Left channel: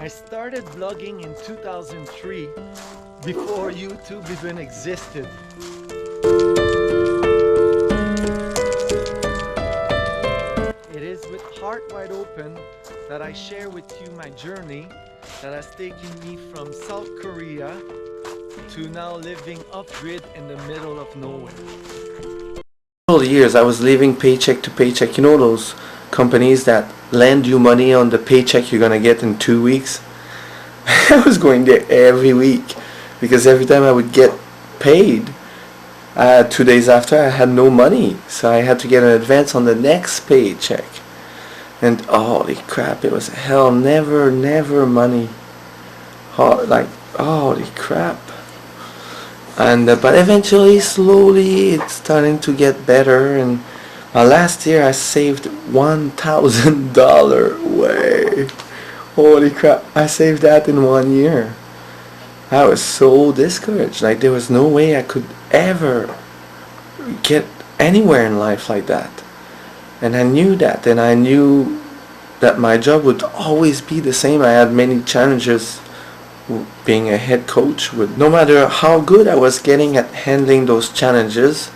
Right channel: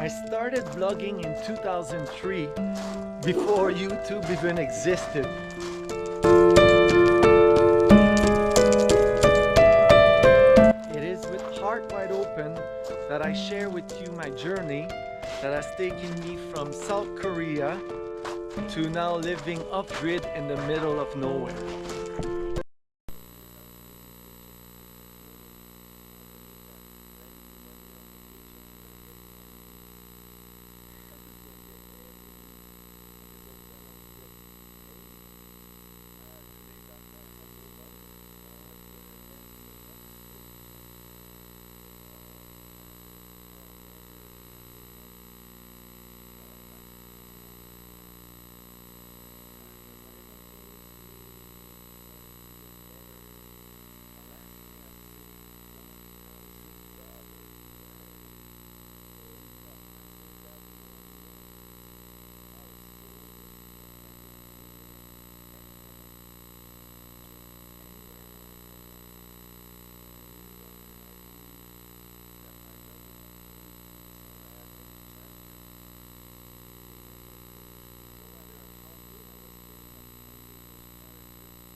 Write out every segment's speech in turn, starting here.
I started vlogging in 2003, before YouTube even existed. It is with heart wide open that I share with you my journey that has taken me from South Korea to now living off-grid in the middle of nowhere. Several years I was living paycheck to paycheck. You know those companies that lend you money on the paycheck you're gonna get in 2 weeks? I was going there every week because every time I would get paid, 2 days after I had no money, so I had to get an advance on the next paycheck. And holy crap, it was hell, never money. Holy crap. And but eventually, slowly, it's starting to get better. And last year I saved $1,000. Way, holy crap! I saved that in 1 year. I was so discouraged. Like there was no way I could ever get anywhere in life like that. And I knew that, and I knew that my job would always be the same. I had many challenges being a head coach. With no matter how good I was getting at handling those challenges,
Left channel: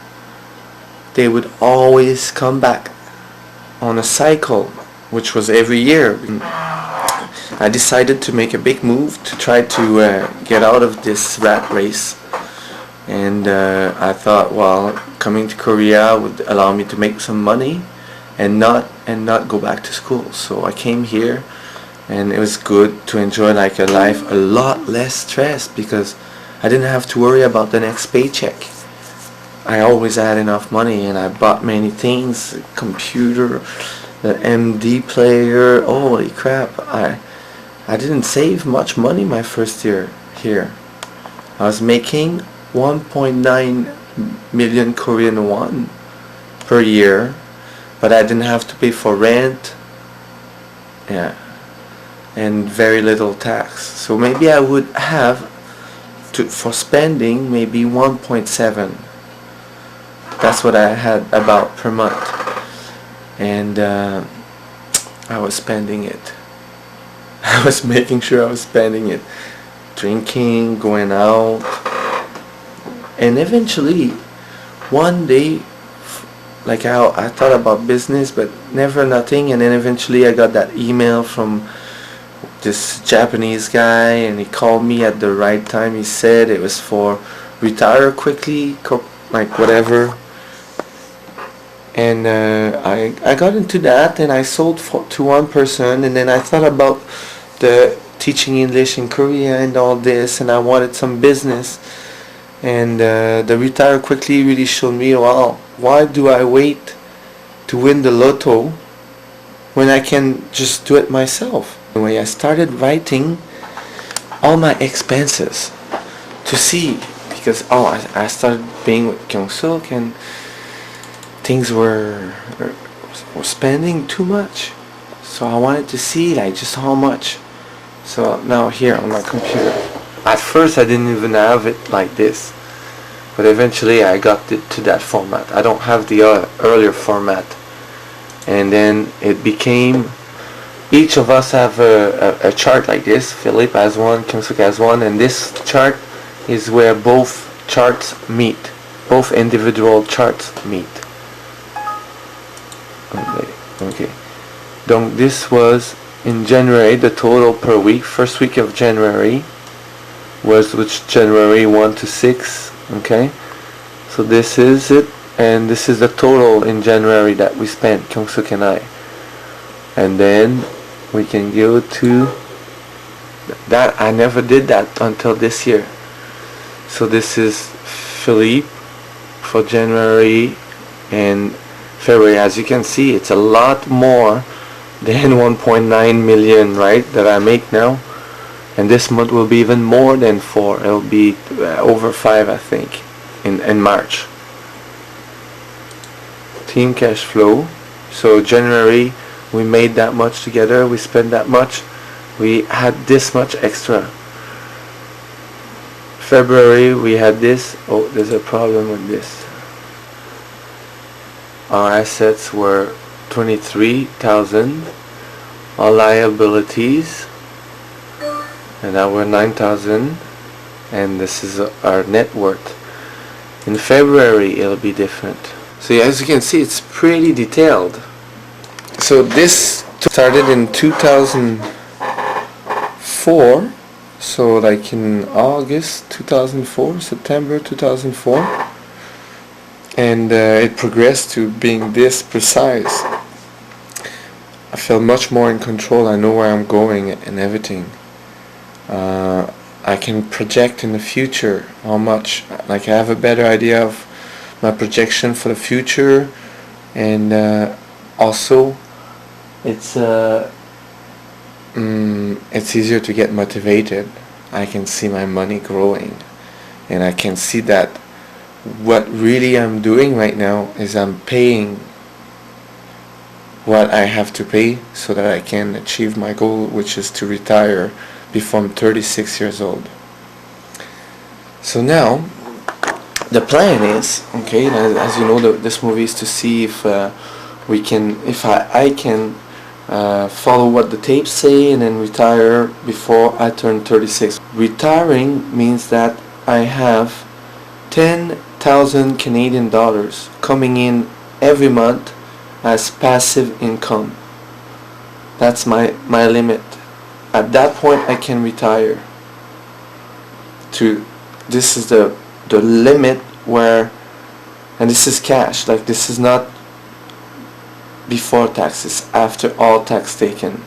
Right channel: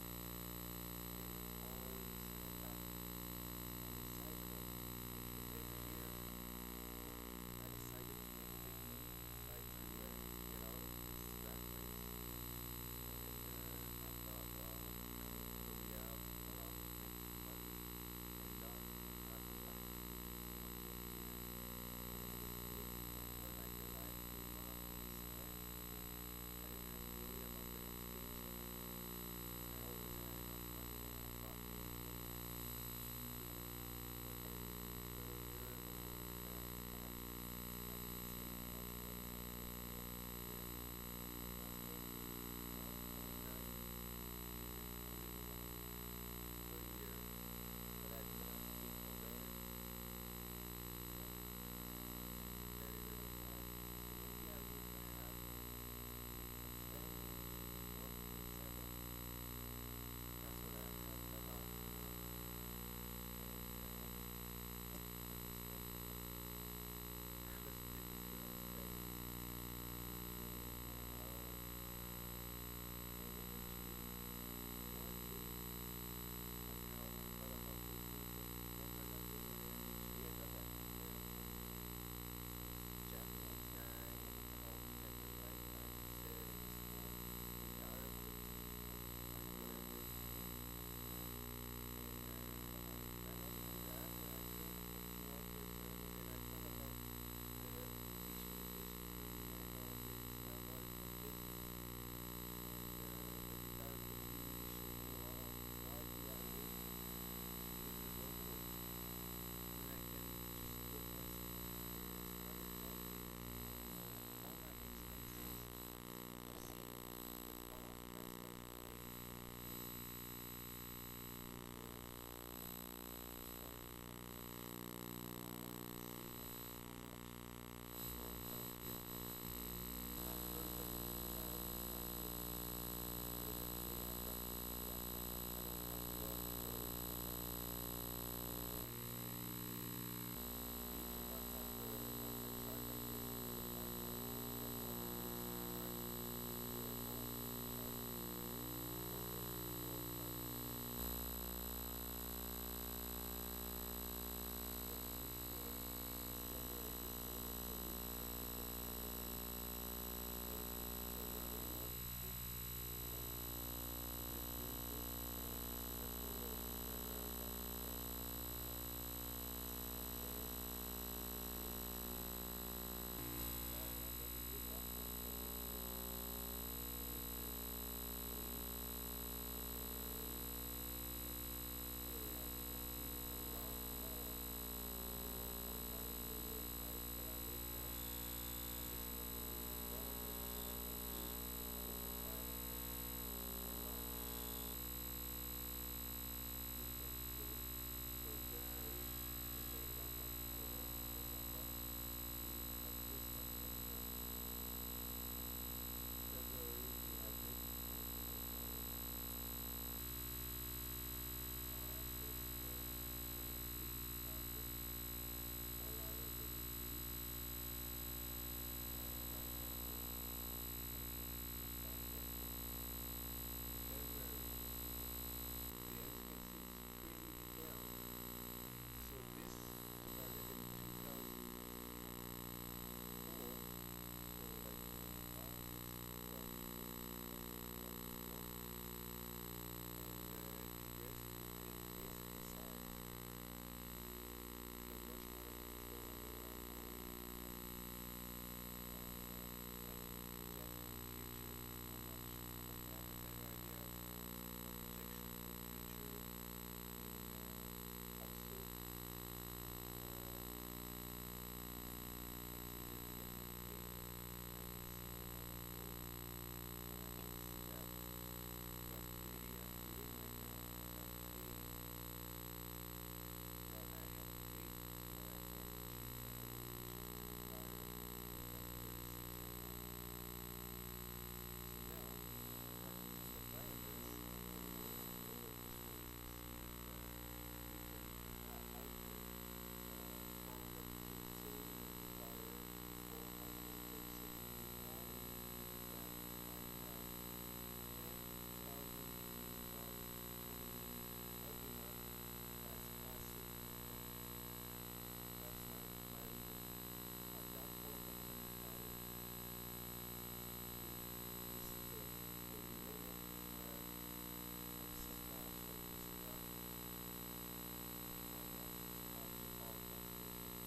they would always come back on a cycle, which was every year. I decided to make a big move to try to get out of this rat race. And I thought, well, coming to Korea would allow me to make some money and not go back to school. So I came here, and it was good to enjoy like a life a lot less stressed because I didn't have to worry about the next paycheck. I always had enough money, and I bought many things, a computer, the MD player. Holy crap, I didn't save much money my first year here. I was making 1.9 million Korean won per year, but I didn't have to pay for rent, yeah, and very little tax. So maybe I would have to, for spending, maybe 1.7. That's what I had about per month, and I was spending it. I was making sure I was spending it, drinking, going out, and eventually, one day, like I thought about business, but never nothing, and then eventually I got that email from this Japanese guy, and he called me at the right time. He said it was for retire quickly, like whatever. And I got into that, and I sold to one person, and then I thought about the teaching English in Korea and all this, and I wanted some business. And the retire quickly really showed me, well, why do I wait to win the lotto when I can just do it myself? Anyway, I started writing all my expenses to see, because I started being with Kyung-suk, and things were spending too much, so I wanted to see like just how much. So now here on my computer, at first I didn't even have it like this, but eventually I got it to that format. I don't have the earlier format, and then it became, each of us have a chart like this. Philippe has one, Kyung-suk has one, and this chart is where both charts meet, both individual charts meet. Okay. Donc this was in January, the total per week. First week of January was which January 1 to 6. Okay, so this is it, and this is the total in January that we spent, Kyung-suk and I. And then we can go to that. I never did that until this year. So this is Philippe for January and February. As you can see, it's a lot more than 1.9 million, right, that I make now. And this month will be even more than 4. It'll be over 5, I think, in March. Team cash flow. So January we made that much together, we spent that much, we had this much extra. February we had this. Oh, there's a problem with this. Our assets were 23,000. Our liabilities and now we're 9,000, and this is our net worth. In February it'll be different. So as you can see, it's pretty detailed. So this started in 2004, so like in August 2004, September 2004, and it progressed to being this precise. I feel much more in control. I know where I'm going and everything. I can project in the future how much, like I have a better idea of my projection for the future, and also it's easier to get motivated. I can see my money growing, and I can see that what really I'm doing right now is I'm paying what I have to pay so that I can achieve my goal, which is to retire before I'm 36 years old. So now the plan is, okay, as you know, this movie is to see if we can, if I can follow what the tapes say and then retire before I turn 36. Retiring means that I have 10,000 Canadian dollars coming in every month as passive income. That's my limit. At that point I can retire. This is the limit where, and this is cash, like this is not before taxes, after all tax taken.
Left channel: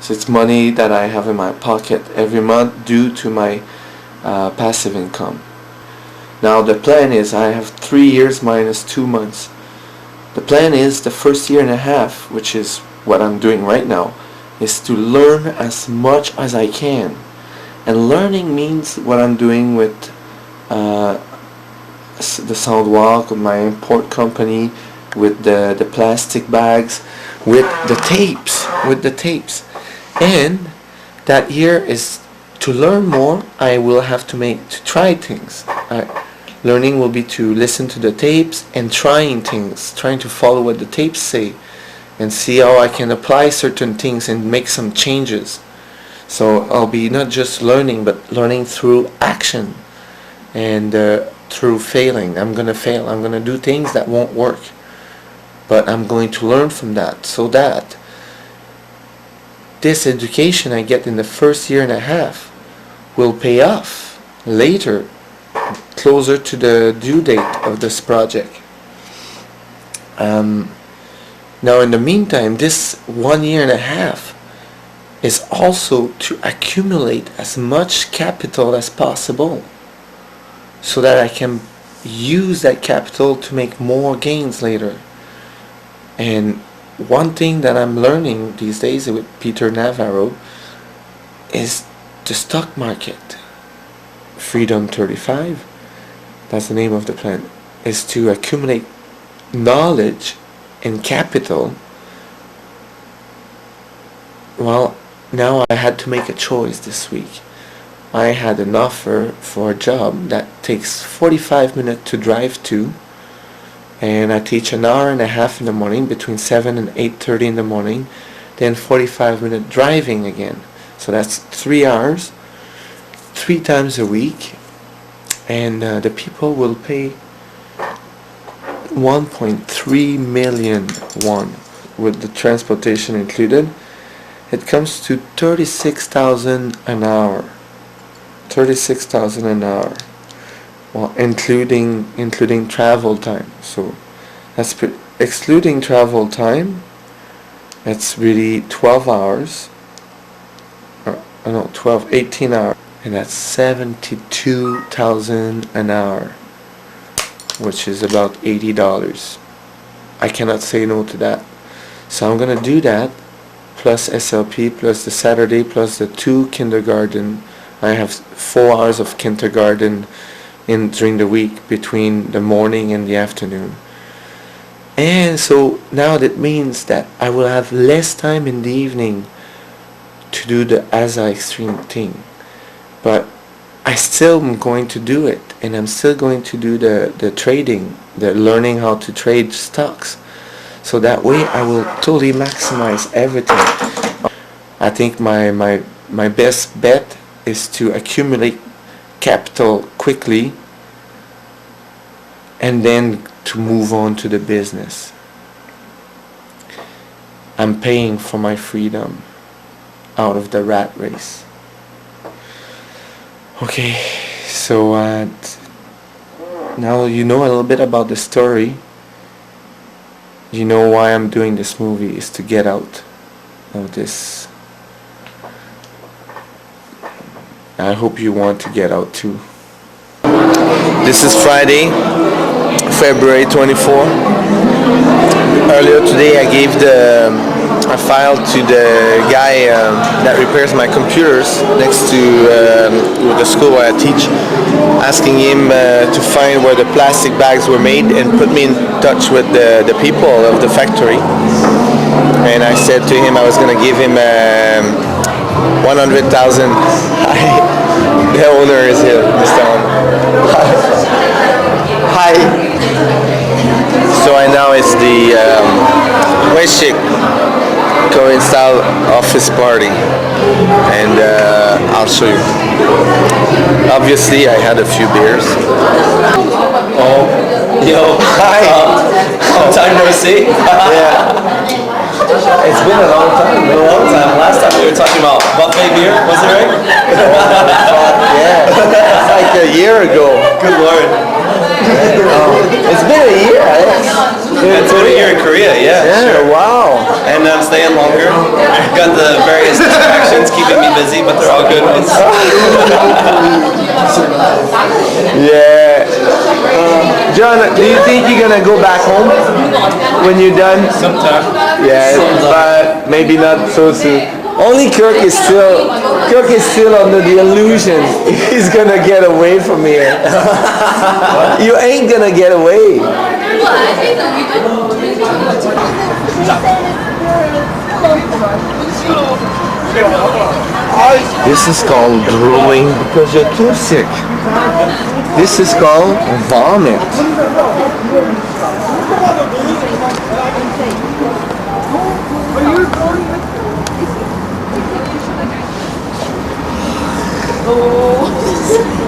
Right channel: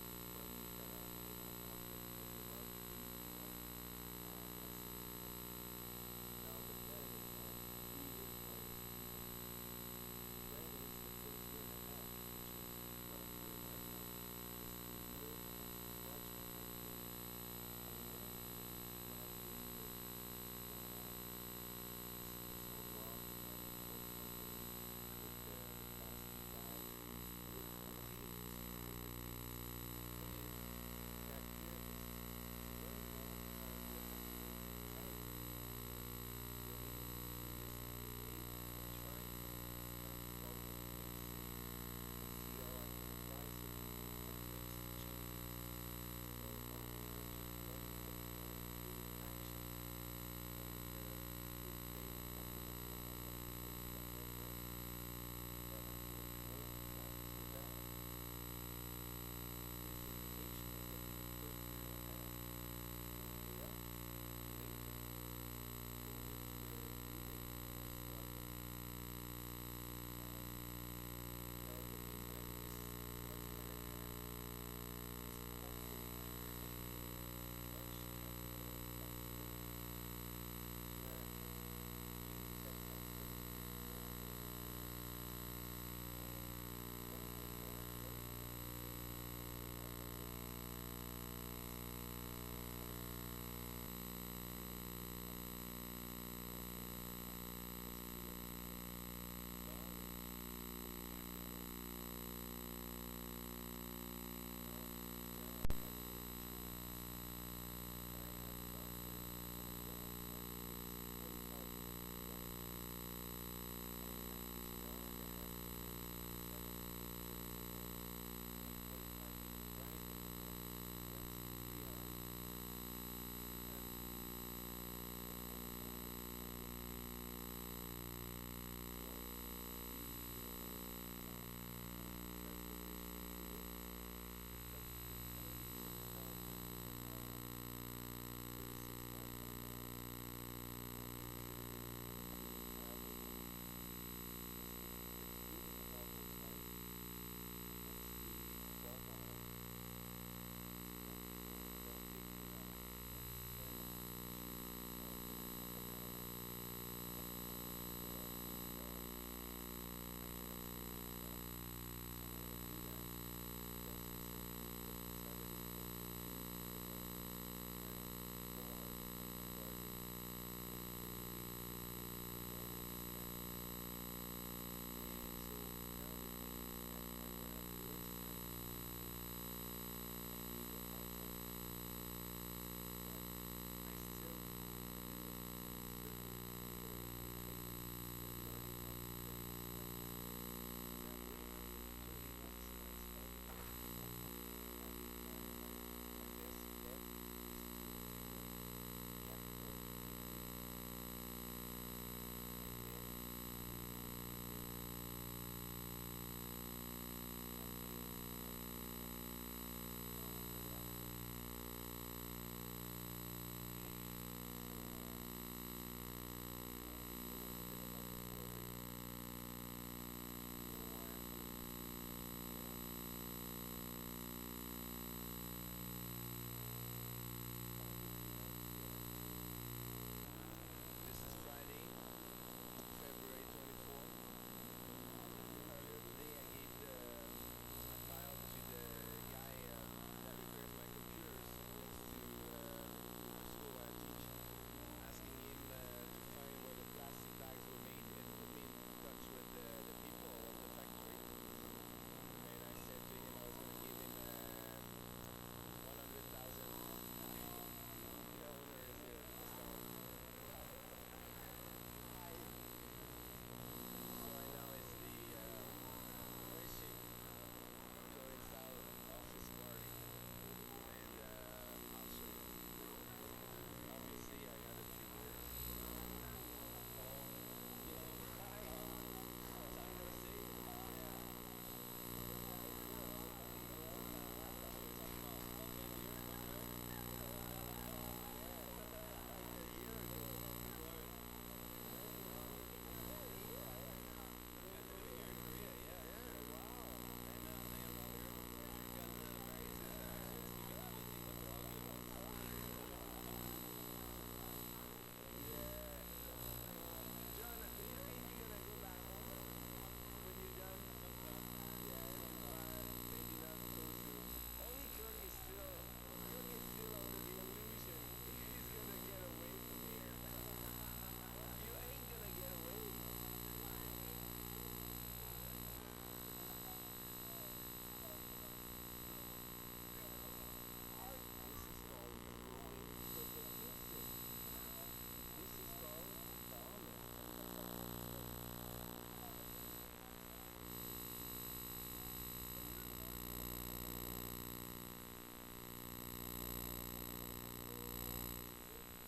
So it's money that I have in my pocket every month due to my passive income. Now the plan is I have 3 years minus 2 months. The plan is the first year and a half, which is what I'm doing right now, is to learn as much as I can. And learning means what I'm doing with the Soundwalk, with my import company, with the plastic bags, with the tapes, and that year is to learn more. I will have to try things. Learning will be to listen to the tapes and trying things, trying to follow what the tapes say and see how I can apply certain things and make some changes. So I'll be not just learning, but learning through action and through failing. I'm gonna fail. I'm gonna do things that won't work, but I'm going to learn from that, so that this education I get in the first year and a half will pay off later, closer to the due date of this project. Now in the meantime, this 1 year and a half is also to accumulate as much capital as possible so that I can use that capital to make more gains later. And one thing that I'm learning these days with Peter Navarro is the stock market. Freedom 35, that's the name of the plan, is to accumulate knowledge and capital. Well, now I had to make a choice this week. I had an offer for a job that takes 45 minutes to drive to, and I teach an hour and a half in the morning between 7 and 8:30 in the morning, then 45-minute driving again. So that's 3 hours, 3 times a week, and the people will pay 1.3 million won with the transportation included. It comes to 36,000 an hour. 36,000 an hour. Well, including travel time. So that's excluding travel time. It's really 12 hours. 18 hours. And that's 72,000 an hour, which is about $80. I cannot say no to that. So I'm gonna do that, plus SLP, plus the Saturday, plus the 2 kindergarten. I have 4 hours of kindergarten during the week between the morning and the afternoon. And so now that means that I will have less time in the evening to do the ASA extreme thing. But I still am going to do it, and I'm still going to do the trading, the learning how to trade stocks. So that way I will totally maximize everything. I think my my best bet is to accumulate capital quickly and then to move on to the business. I'm paying for my freedom out of the rat race. Okay, so now you know a little bit about the story. You know why I'm doing this movie is to get out of this. I hope you want to get out too. This is Friday, February 24. Earlier today I gave a file to the guy that repairs my computers next to the school where I teach, asking him to find where the plastic bags were made and put me in touch with the people of the factory. And I said to him I was going to give him 100,000. The owner is here, Mr. Owner. Hi. So I now it's the Weshik Korean style office party, and I'll show you. Obviously I had a few beers. Oh, yo, Hi. long time no see. Yeah. It's been a long time. A long time. Last time we were talking about buffet beer, was it right? Yeah. It's like a year ago. Good lord. It's been a year, It's been a year in Korea, yeah. Yeah, wow. And I'm staying longer. Got the various distractions keeping me busy, but they're all good ones. Yeah. John, do you think you're gonna go back home when you're done? Sometime. Yeah, but maybe not so soon. Only Kirk is still under the illusion he's gonna get away from here. You ain't gonna get away. This is called drooling because you're too sick. This is called vomit.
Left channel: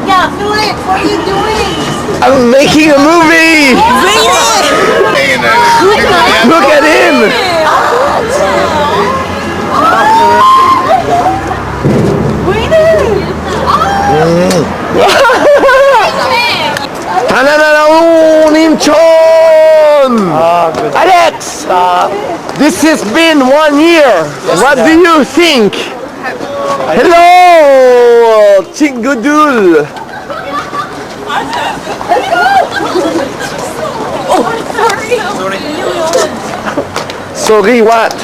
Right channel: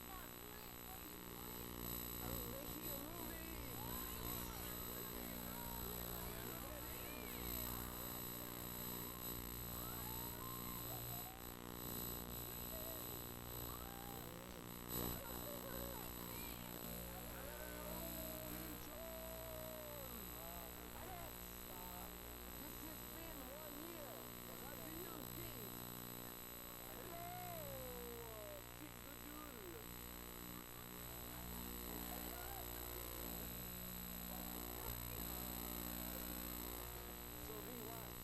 Yeah, Philip, what are you doing? I'm making a movie! Look at him! Alex! This has been 1 year. What do you think? Hello! Chingudul! Sorry, what?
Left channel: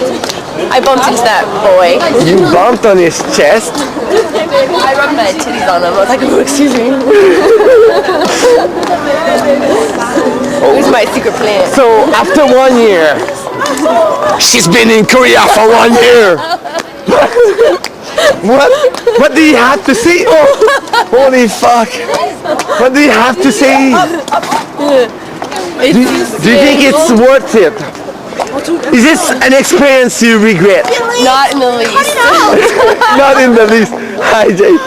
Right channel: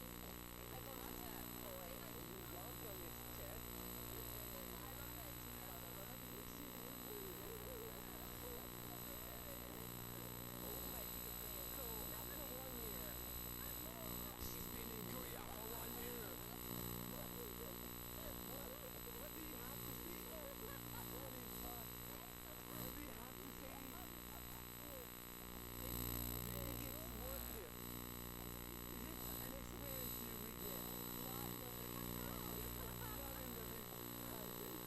I bumped into that boy. You bumped on his chest? I rubbed my titties on him. I was like, oh, excuse me. It was my secret plan. So, after 1 year, she's been in Korea for 1 year. What do you have to say? Oh, holy fuck. What do you have to say? Do you think it's worth it? Is this an experience you regret? Not in the least. Not in the least. Hi, Jade.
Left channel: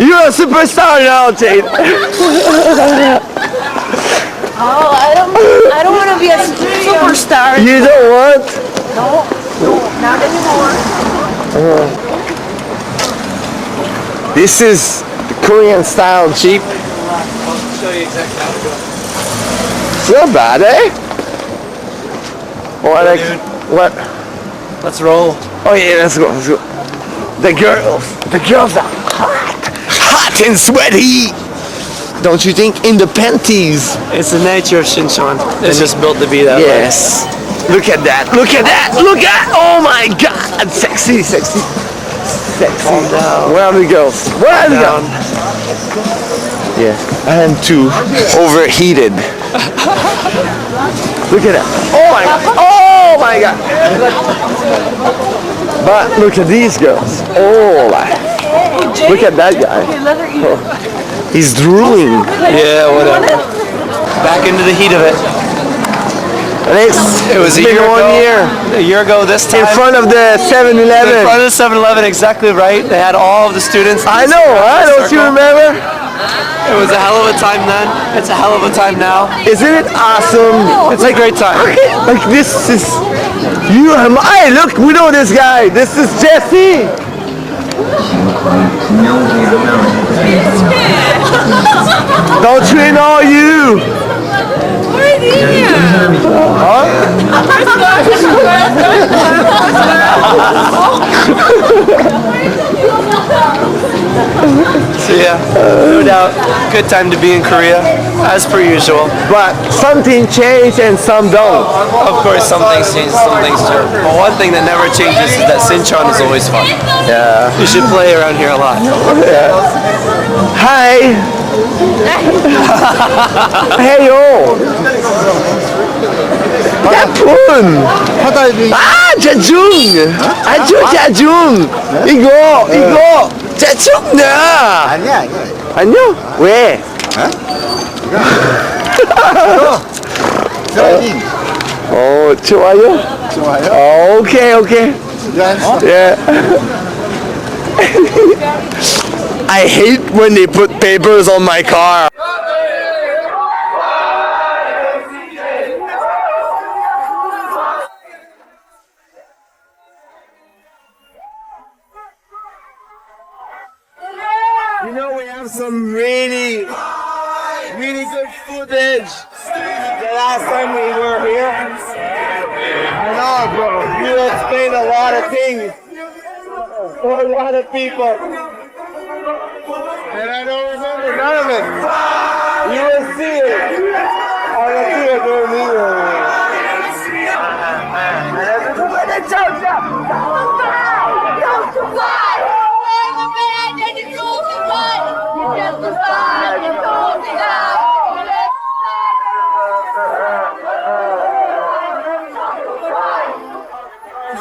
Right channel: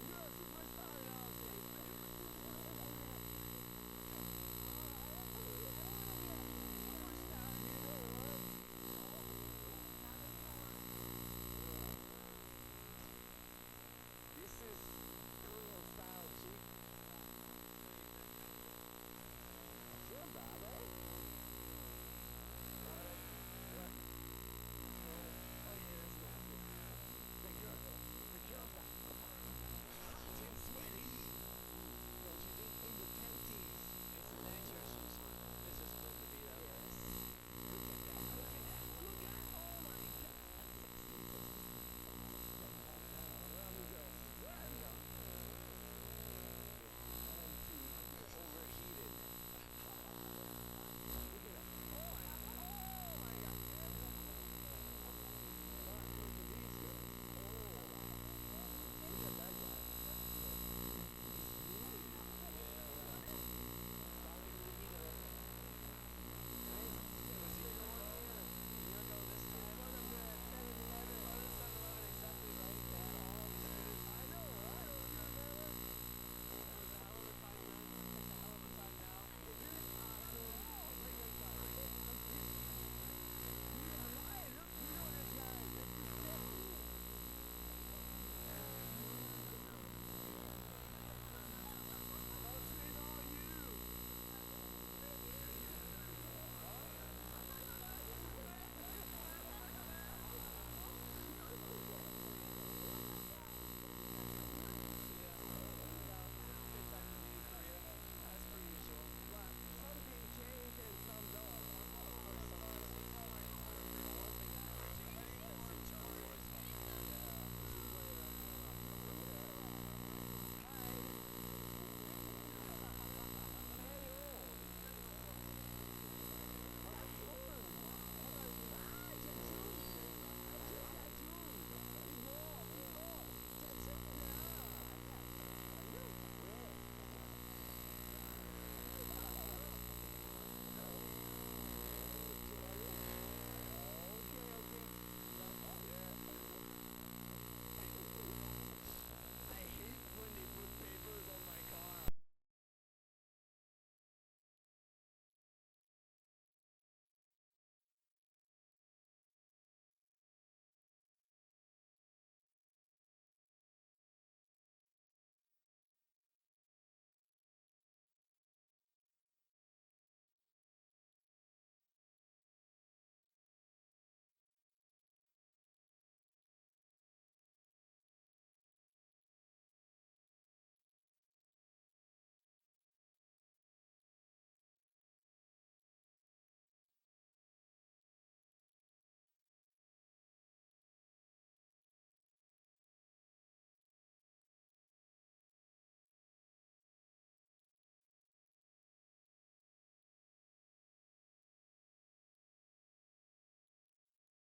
You're a superstar now, Jade. Oh, I don't want to be a superstar. You don't want? No, not anymore. This is the Korean style Jeep. I'll show you exactly how to go. It's not bad, eh? What? Let's roll. Oh yeah, let's go. The girls are hot and sweaty. Don't you think? In the panties. It's the nature of Shinshan. It's just built to be that way. Yes. Look at that. Look at that. Look at. Oh my God. Sexy. Calm down. Where are the girls? Where are the girls? Yeah. I am too overheated. Look at that. Oh my God. But look at these girls. Oh, look at that guy. Oh, he's drooling. Yeah, whatever. Back into the heat of it. It was been 1 year. A year ago this time. In front of the 7-Eleven. In front of the 7-Eleven, exactly right. They had all of the students. I know, huh? Don't you remember? It was a hell of a time then. It's a hell of a time now. Isn't it awesome? It's a great time. Like this is you and I. Look, we know this guy. This is Jesse. Don't you know you? So yeah, no doubt, good time to be in Korea, as per usual. But something changed and some don't. Of course, some things change, some things don't. But one thing that never changes is that Sinchon is always fun. Yeah. You should play around here a lot. Hi. Hey yo. Yapun. 아, 재중. 아주 재중. 이거 재중이야. 아니야. 아니요? 왜? 드라이빙. 좋아요? 좋아요. 오케이. Yeah. I hate when they put papers on my car. You know, we have some really good footage the last time we were here. I know, bro. You explained a lot of things for a lot of people. And I don't remember none of it. You will see it. I will see it during the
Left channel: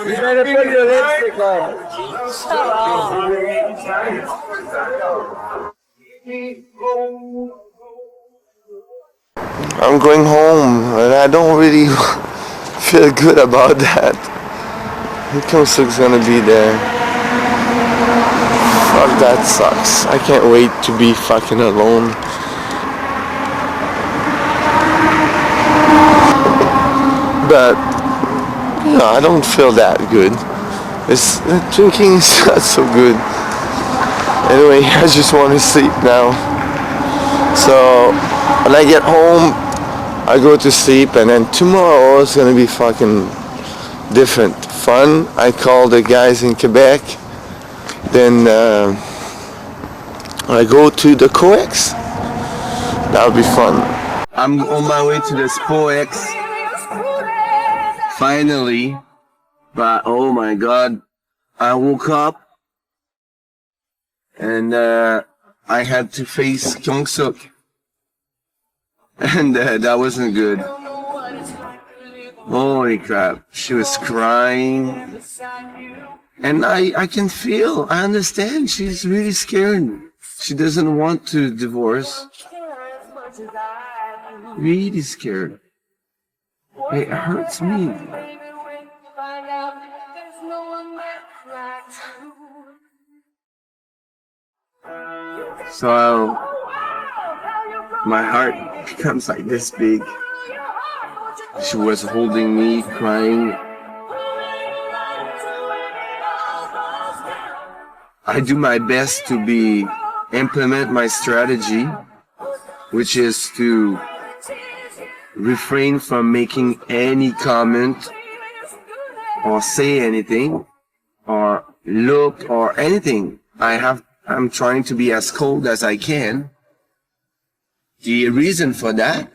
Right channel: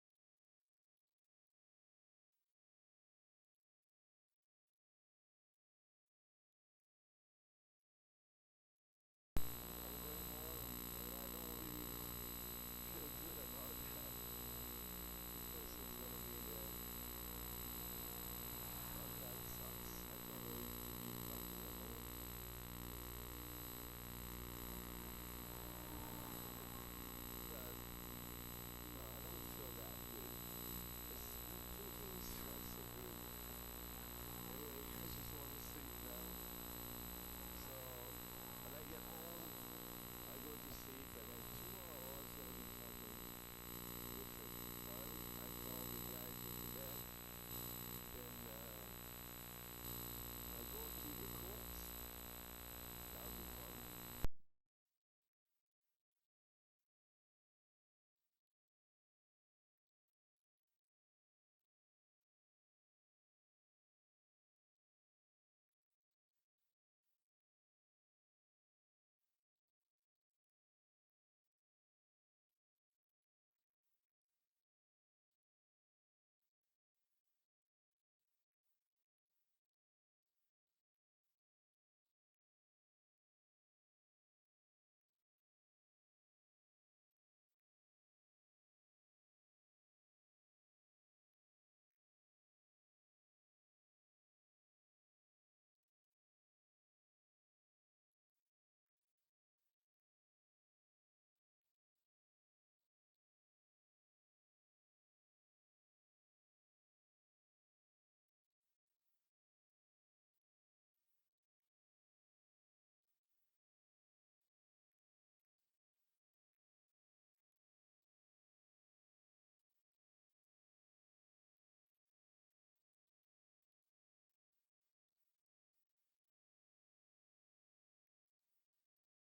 You better put your lipstick on. I'm going home and I don't really feel good about that. Kyung-suk's gonna be there. Fuck, that sucks. I can't wait to be fucking alone. But no, I don't feel that good. Drinking is not so good. Anyway, I just want to sleep now. So when I get home, I go to sleep, and then tomorrow is gonna be fucking different. Fun. I call the guys in Quebec. Then I go to the COEX. That'll be fun. I'm on my way to the COEX. Finally, but oh my god, I woke up and I had to face Kyung-suk, and that wasn't good. Holy crap, she was crying, and I can feel, I understand, she's really scared. She doesn't want to divorce. Really scared. It hurts me. So my heart becomes like this big. She was holding me, crying. I do my best to implement my strategy, which is to refrain from making any comment or say anything or look or anything. I'm trying to be as cold as I can. The reason for that,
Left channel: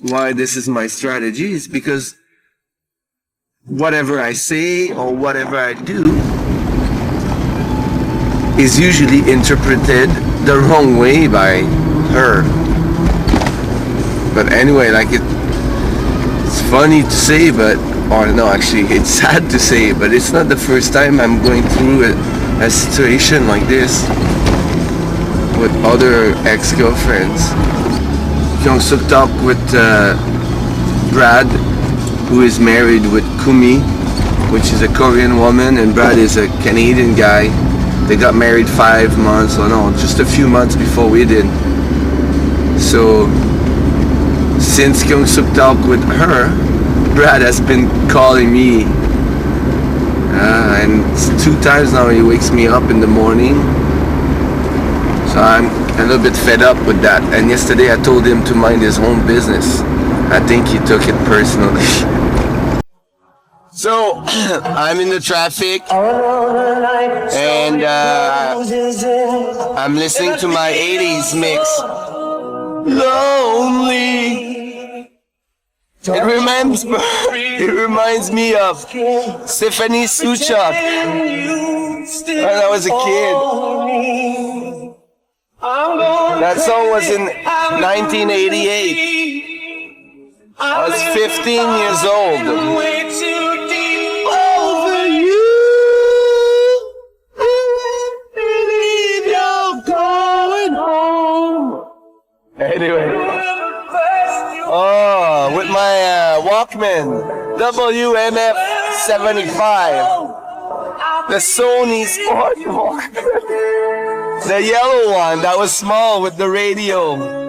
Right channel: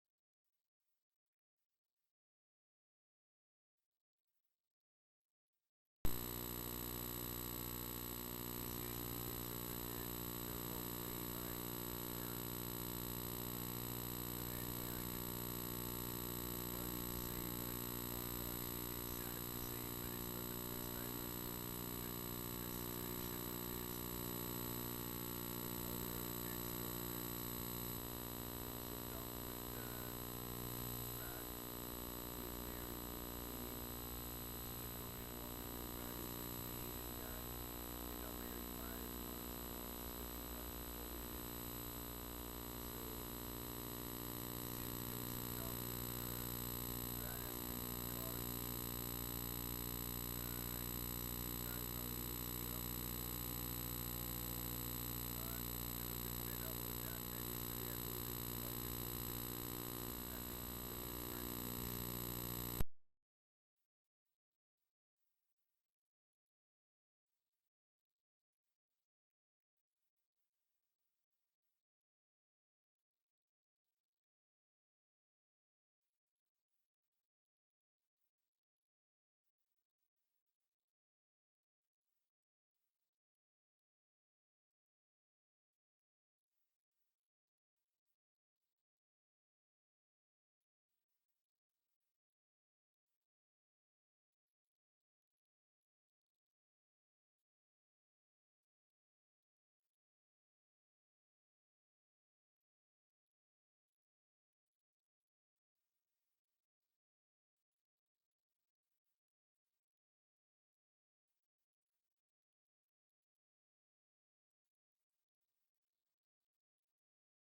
why this is my strategy, is because whatever I say or whatever I do is usually interpreted the wrong way by her. But anyway, like it's funny to say, but, or no, actually it's sad to say, but it's not the first time I'm going through a situation like this with other ex-girlfriends. Kyung-suk talked with Brad who is married with Kumi, which is a Korean woman, and Brad is a Canadian guy. They got married 5 months, or no, just a few months before we did. So since Kyung Suk talked with her, Brad has been calling me, and it's 2 times now he wakes me up in the morning. So I'm a little bit fed up with that. And yesterday I told him to mind his own business. I think he took it personally. So I'm in the traffic, and I'm listening to my 80s mix. Lonely. It reminds me of Stephanie Suchak when I was a kid. That song was in 1988. I was 15 years old. Over you, believe you're going home. Anyway, with my Walkman WMF 75, the Sony Sport Walkman, the yellow one that was small with the radio.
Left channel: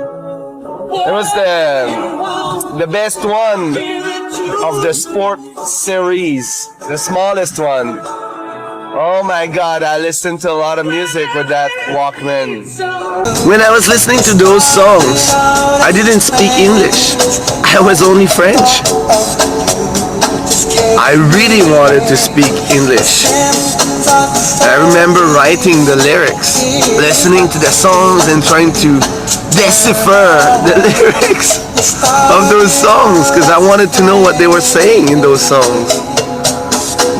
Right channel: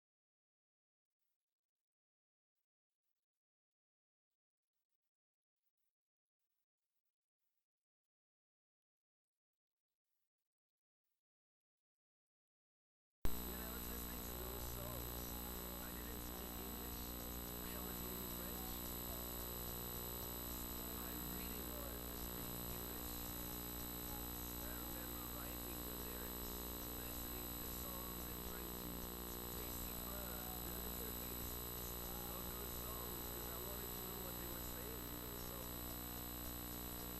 It was the best one of the Sport series, the smallest one. Oh my God, I listened to a lot of music with that Walkman. When I was listening to those songs, I didn't speak English. I was only French. I really wanted to speak English. I remember writing the lyrics, listening to the songs and trying to decipher the lyrics of those songs because I wanted to know what they were saying in those songs.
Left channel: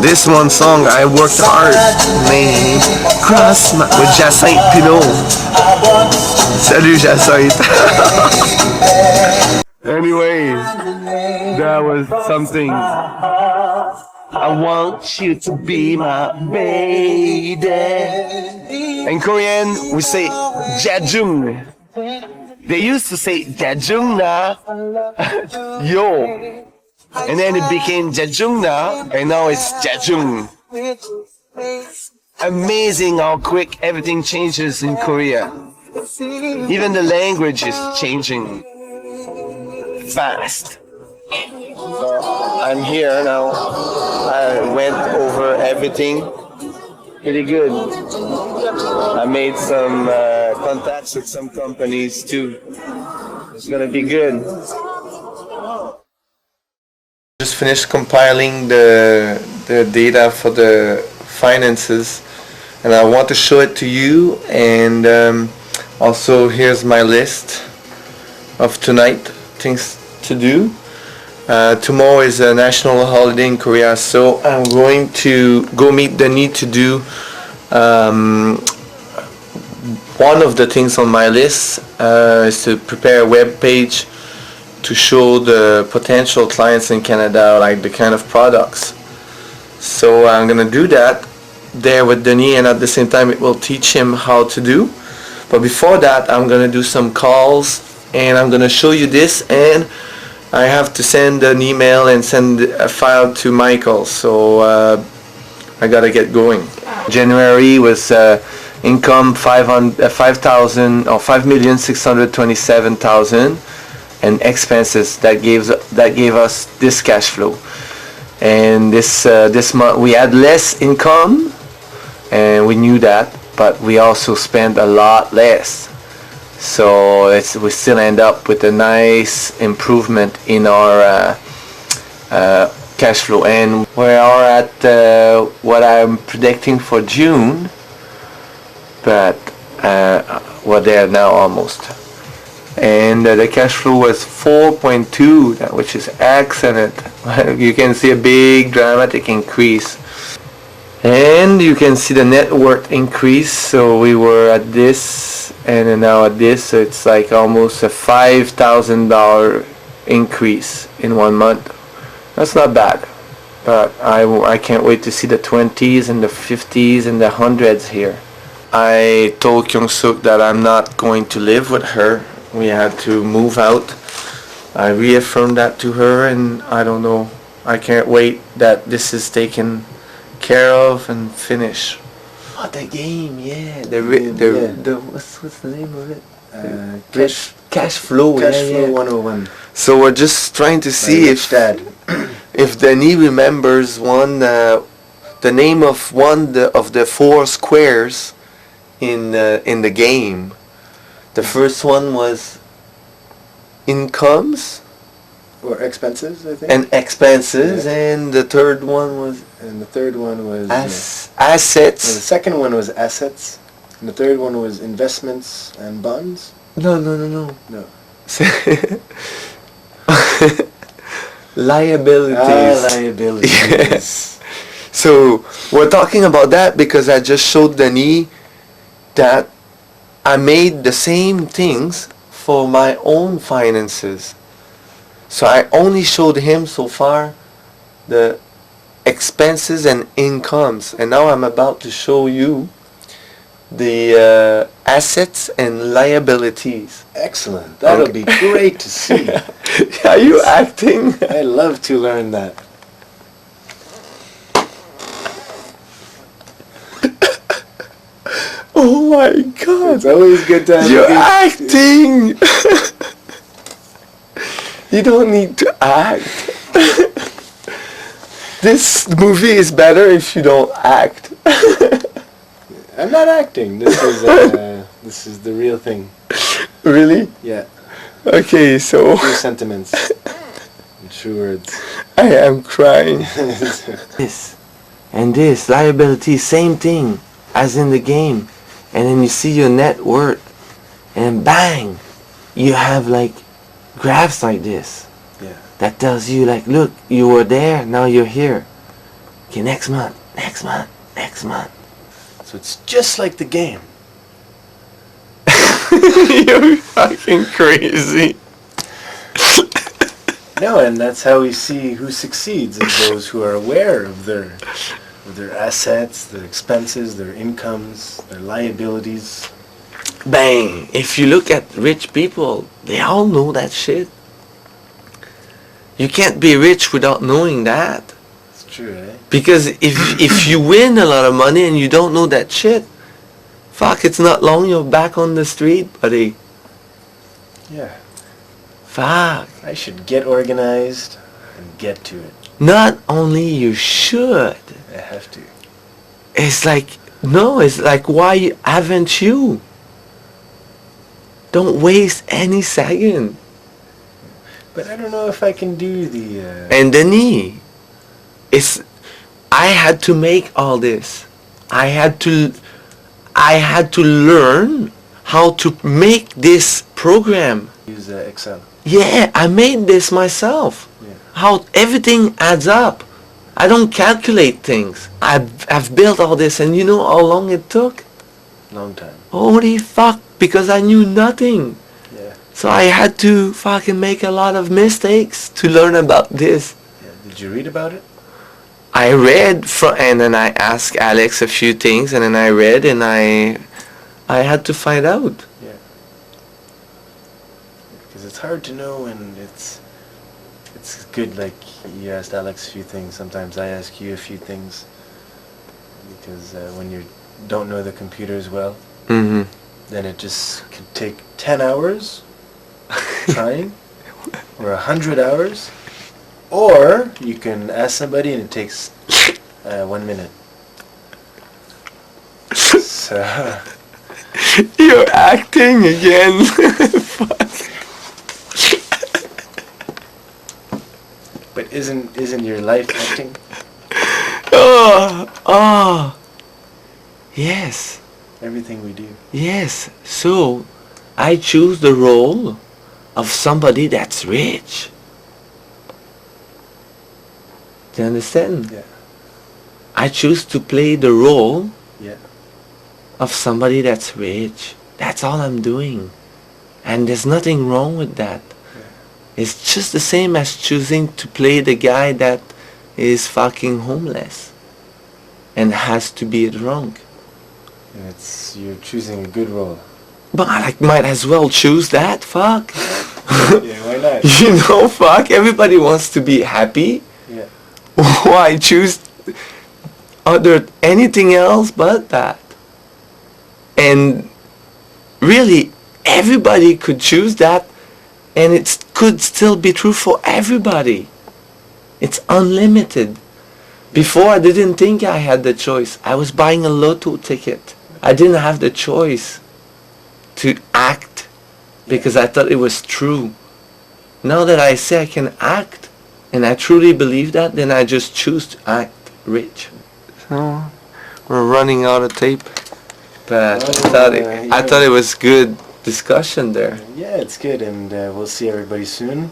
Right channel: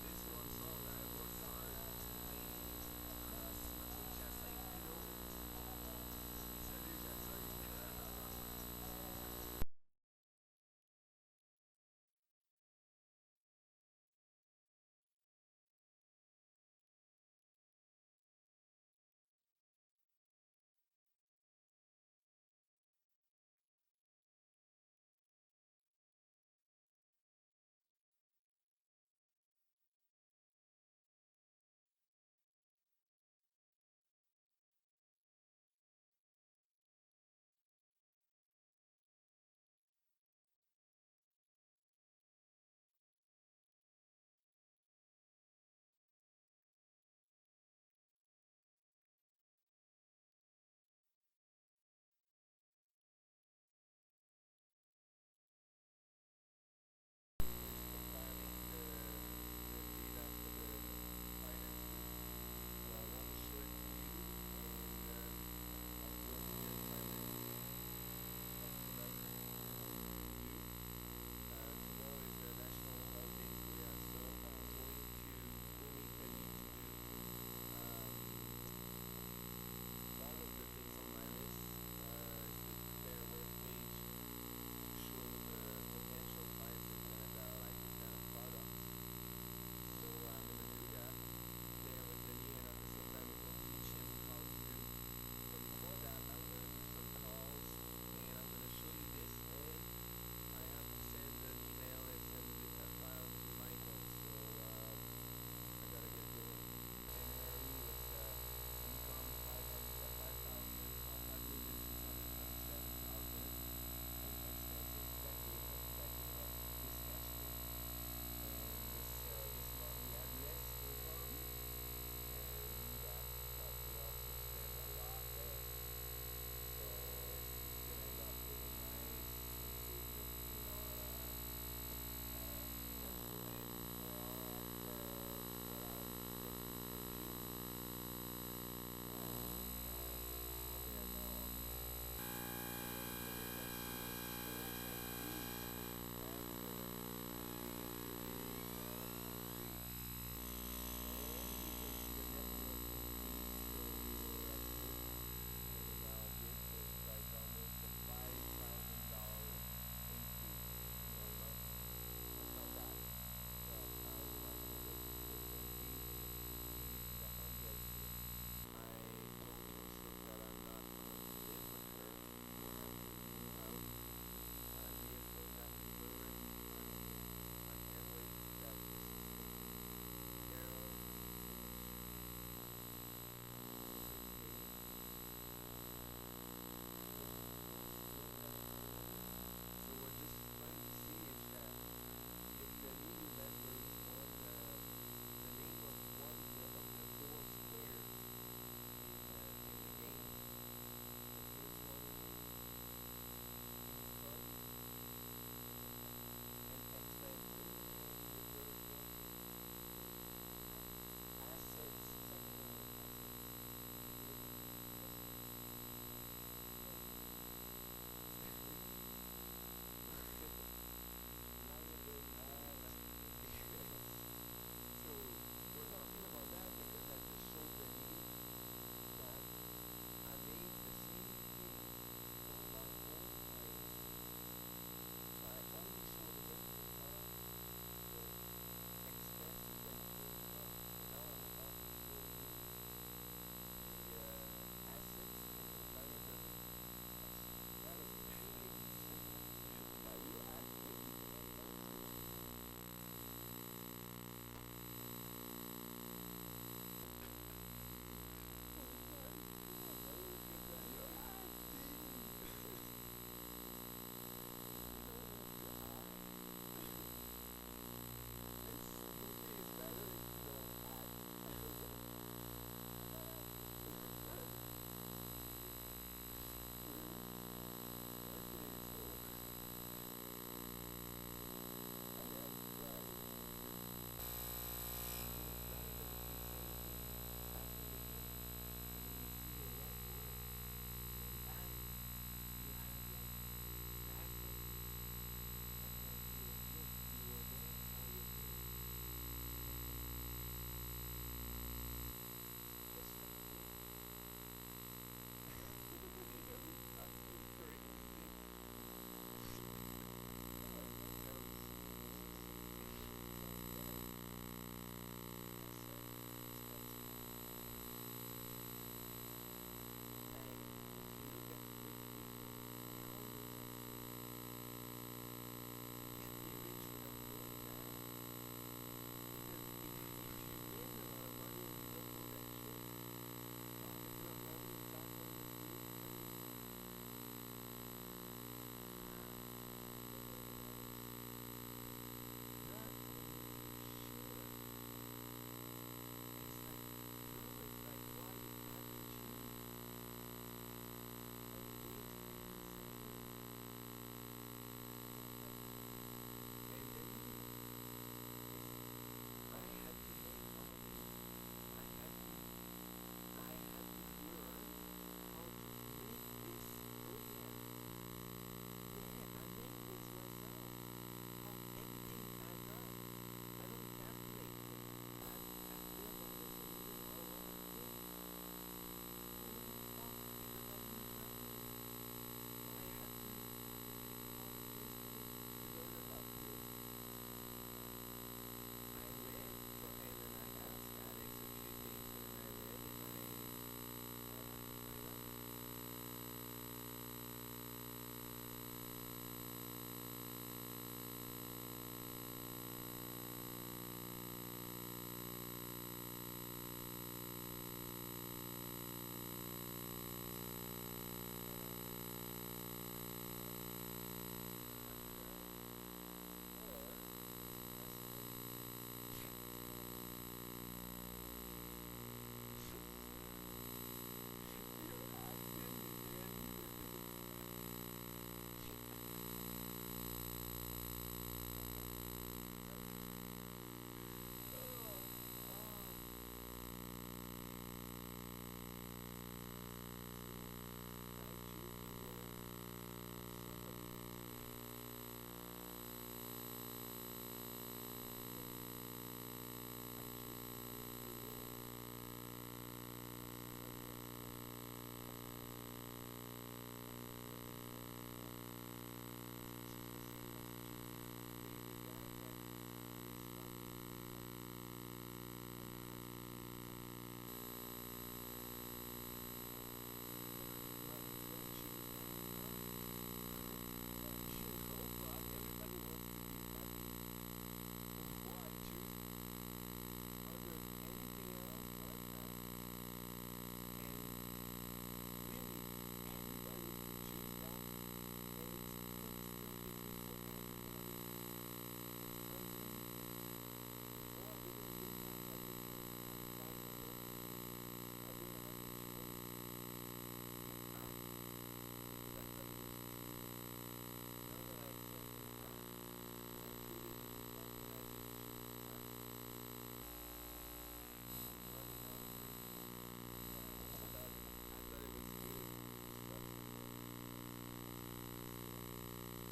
This one song I worked hard, man. Cross my with Jacinthe Pinot. Salut Jacinthe. Anyway, that was something. I want you to be my baby. In Korean, we say Jajung. They used to say Jajung na yo. And then it became Jajung na, and now it's Jajung. Amazing how quick everything changes in Korea. Even the language is changing fast. So I'm here now. I went over everything. Pretty good. I made some contacts with some companies too. It's gonna be good. Just finished compiling the data for the finances, and I want to show it to you. And also here's my list of tonight things to do. Tomorrow is a national holiday in Korea, so I'm going to go meet the need to do one of the things on my list is to prepare a web page to show the potential clients in Canada like the kind of products. So I'm gonna do that there with Denis, and at the same time it will teach him how to do. But before that I'm gonna do some calls, and I'm gonna show you this, and I have to send an email and send a file to Michael, so I gotta get going. January was income 5,000 or 5,627,000, and expenses that gave us this cash flow. And this month we had less income, and we knew that, but we also spent a lot less. So we still end up with a nice improvement in our cash flow, and we are at what I'm predicting for June, but we're there now almost. And the cash flow was 4.2, which is excellent. You can see a big dramatic increase. And you can see the net worth increase. So we were at this and then now at this, so it's like almost a $5,000 increase in 1 month. That's not bad, but I can't wait to see the 20s and the 50s and the 100s here. I told Kyung Suk that I'm not going to live with her. We had to move out. I reaffirmed that to her, and I don't know I can't wait that this is taken care of and finished. Oh, the game, yeah. The what's the name of it? Cash flow. Cash yeah, Flow yeah. 101. So we're just trying to see Rich Dad. if Denis remembers the name of of the 4 squares in the game. The first one was incomes Or expenses, I think. and expenses, Yeah. and the third one was And the third one was... as no, the assets. second one was assets. And the third one was investments and bonds. No. No. Liabilities. Liabilities. Yes. So we're talking about that because I just showed Denis that I made the same things for my own finances. So I only showed him so far the expenses and incomes, and now I'm about to show you the assets and liabilities. Excellent. That'll Okay. be great to see. Are you acting? I love to learn that. Oh my God! It's always good to have You're a good... acting! You don't need to act. This movie is better if you don't act. I'm not acting. This is the real thing. Really? Yeah. Okay, so True sentiments. And true words. I am crying. This and this liability, same thing as in the game. And then you see your net worth, and bang, you have like graphs like this. Yeah. That tells you like, look, you were there, now you're here. Okay, next month. So it's just like the game. You're fucking crazy. No, and that's how we see who succeeds is those who are aware of their assets, their expenses, their incomes, their liabilities. Bang! If you look at rich people, they all know that shit. You can't be rich without knowing that. It's true, eh? Because if you win a lot of money and you don't know that shit, fuck, it's not long you're back on the street, buddy. Yeah. Fuck. I should get organized and get to it. Not only you should. I have to. It's like, no, it's like, why haven't you? Don't waste any second. But I don't know if I can do the... And Denis, I had to make all this. I had to learn how to make this program. use Excel. Yeah, I made this myself. Yeah. How everything adds up. I don't calculate things. I've built all this, and you know how long it took? Long time. Holy fuck, because I knew nothing. Yeah. So I had to fucking make a lot of mistakes to learn about this. Yeah. Did you read about it? I read and then I asked Alex a few things, and then I read, and I had to find out. Yeah. Because it's hard to know, and it's good, like, you asked Alex a few things, sometimes I ask you a few things, because when you don't know the computers well, Mm-hmm. then it just could take 10 hours trying, or 100 hours, or you can ask somebody and it takes 1 minute. So... You're acting again. Fuck. But isn't your life acting? Oh. Yes. Everything we do. Yes. So, I choose the role of somebody that's rich. Do you understand? Yeah. I choose to play the role Yeah. of somebody that's rich. That's all I'm doing. And there's nothing wrong with that. It's just the same as choosing to play the guy that is fucking homeless and has to be drunk. And you're choosing a good role. But I might as well choose that, fuck. Yeah, why not? You know, fuck, everybody wants to be happy. Yeah. I choose anything else but that. And really, everybody could choose that, and it could still be true for everybody. It's unlimited. Before, I didn't think I had the choice. I was buying a lotto ticket. I didn't have the choice to act because I thought it was true. Now that I say I can act, and I truly believe that, then I just choose to act rich. So, we're running out of tape. But I thought it was good discussion there. Yeah, it's good, and we'll see everybody soon.